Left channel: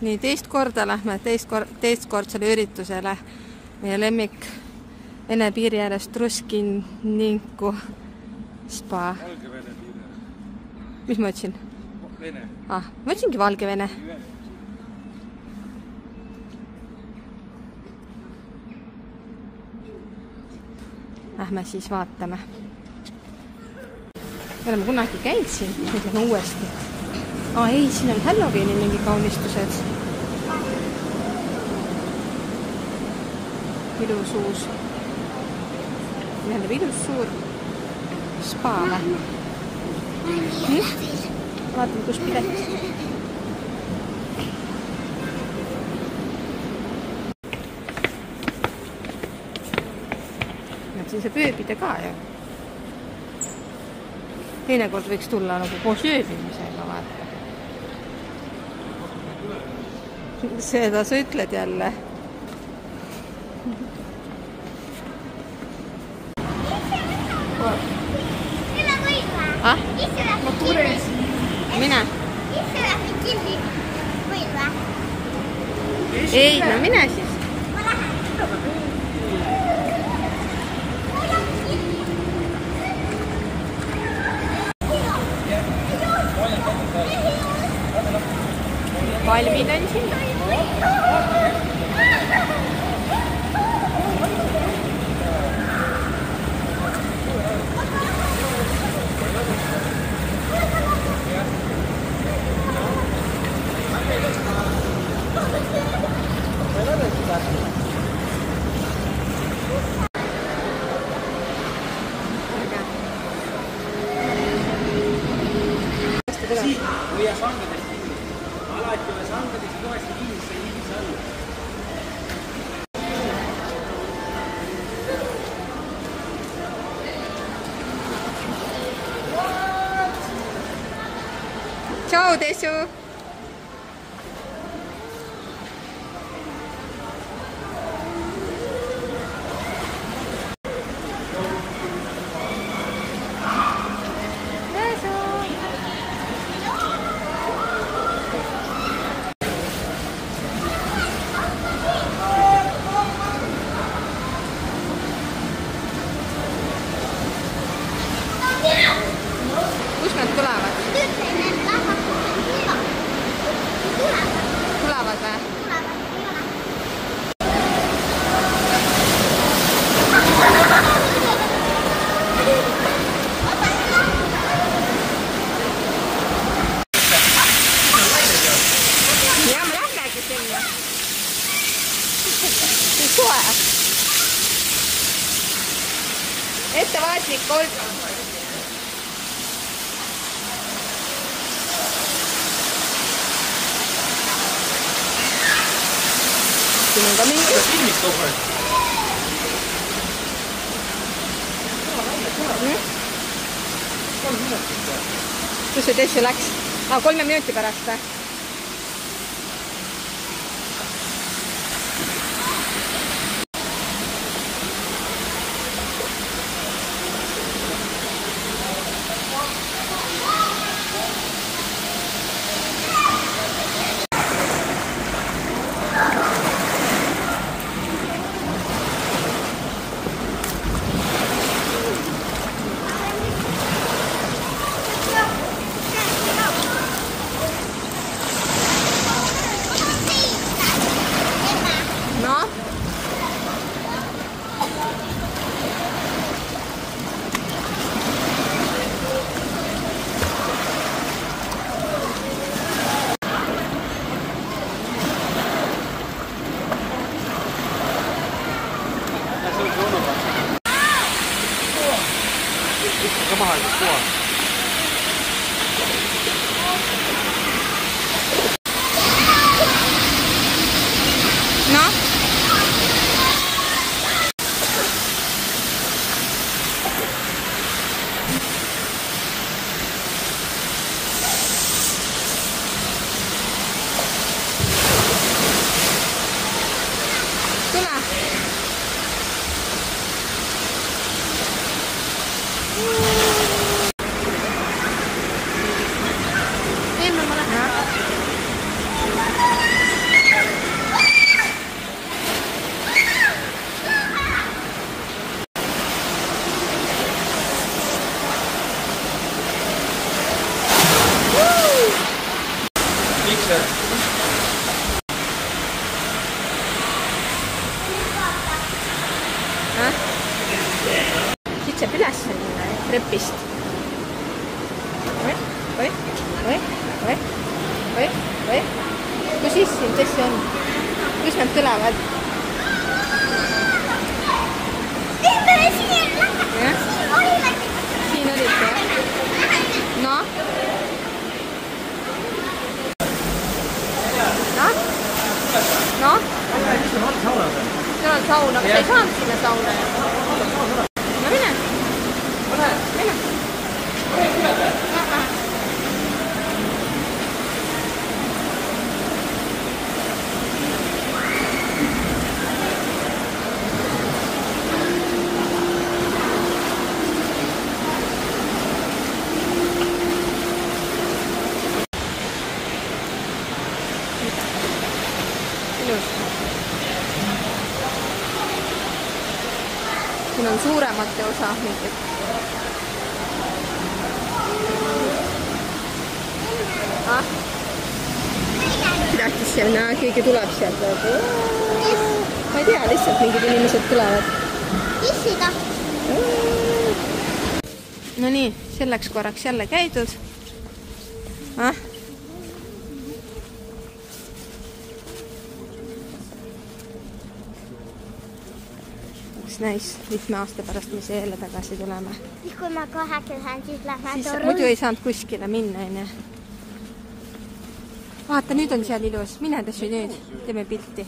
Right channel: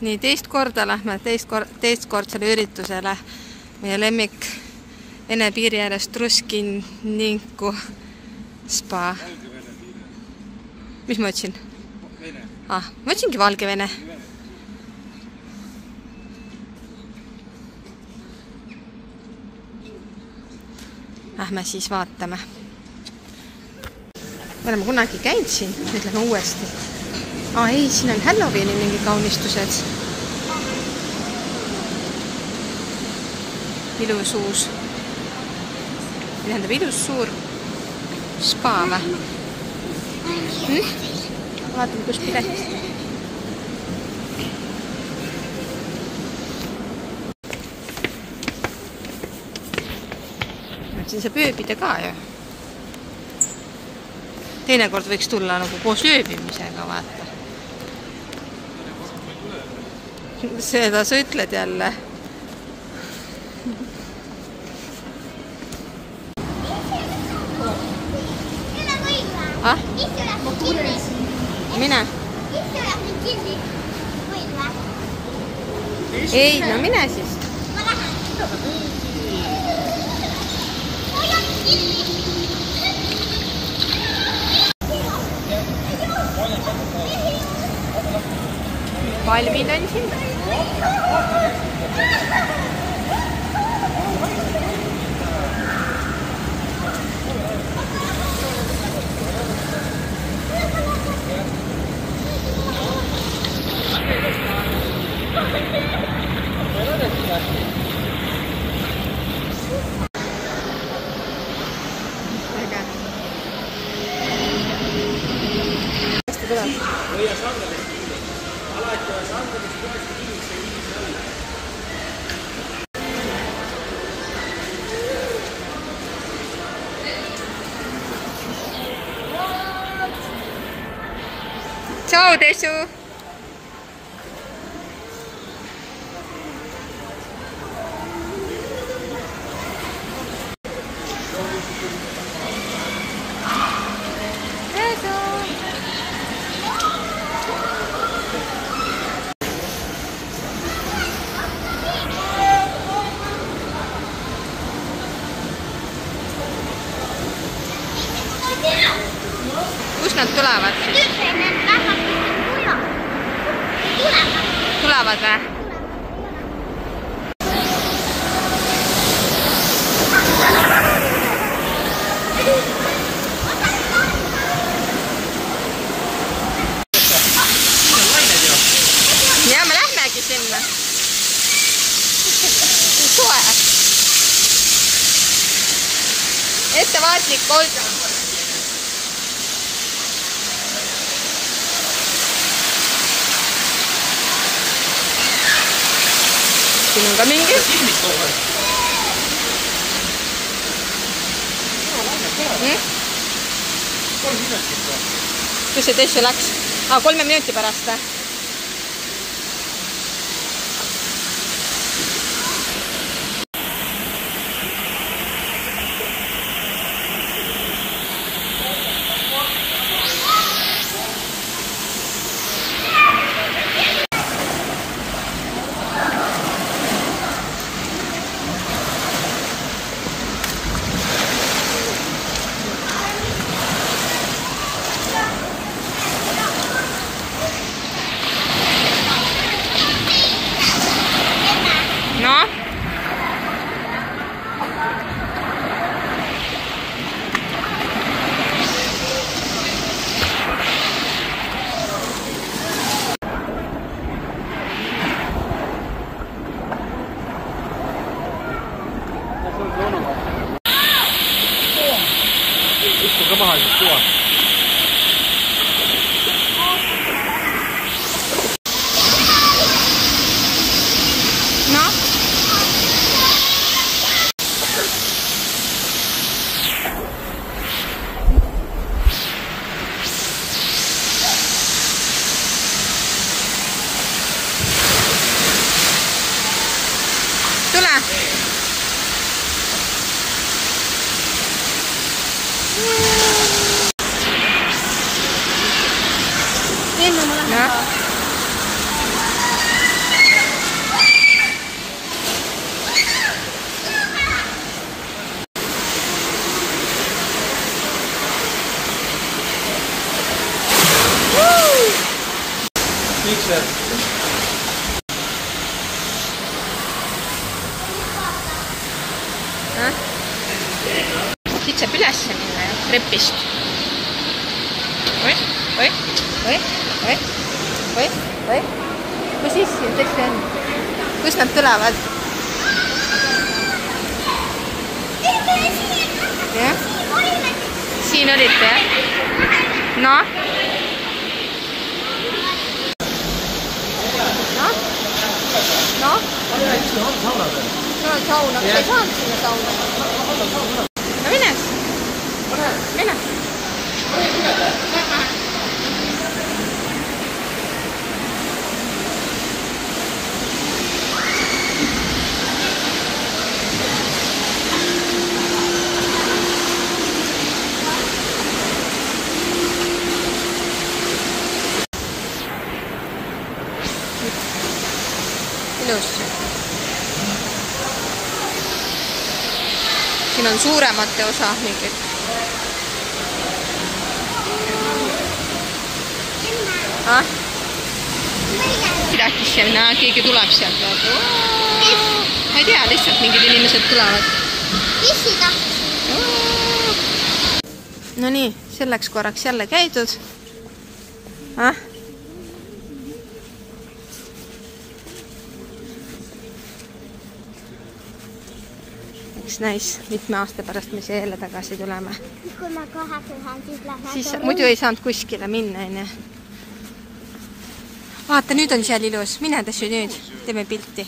Nii teist korda lähme teistkordsele üritusele meie lemmik Vene piiri ääres Truskiniku spa. Valgevene piiri. Mis ma ütlesin? Vene. Ma ütlesingi Valgevene. Lähme siis vaatame. Me oleme kunagi käinud siin, nüüd lähme uuesti. Ei, siin on Halloweeni mingi kaunistused. Ilus uus. Tähendab ilus suur spa või? Vaatame, kus pilet. Siin saab ööbida ka ju. Teinekord võiks tulla nagu koos ööbimisega, vaata. Seda sa ütled jälle. Mine. Ei, no mine siis. Ma lähen. Palmin on siin. Ciao, Desu! Kust nad tulevad? Tulevad või? Ja, me lähmegi sinna. Soe. Ettevaatlikult. Siin on ka mingi. Kus see Tessu läks? 3 minuti pärast või? No? No? Tule. trepist. Oi. Kus siis on? Kus nad tulevad? Siin olite, jah? No? No? Seal on sauna, aga sa ei saanud sinna sauna ju. No mine. Ilus. Siin on suuremate osa mingid. Pidakis seal näha, keegi tuleb sealt. Ma ei tea, lihtsalt mingid inimesed tulevad. Pissida. No nii, selleks korraks jälle käidud. Eks näis, mitme aasta pärast me jälle tagasi tuleme. Kui ma 8 siis lähen. Siis muidu ei saanud kuskile minna, enne. Vaata, nüüd on seal ilus. Mine tassu nüüd. Teeme pilti.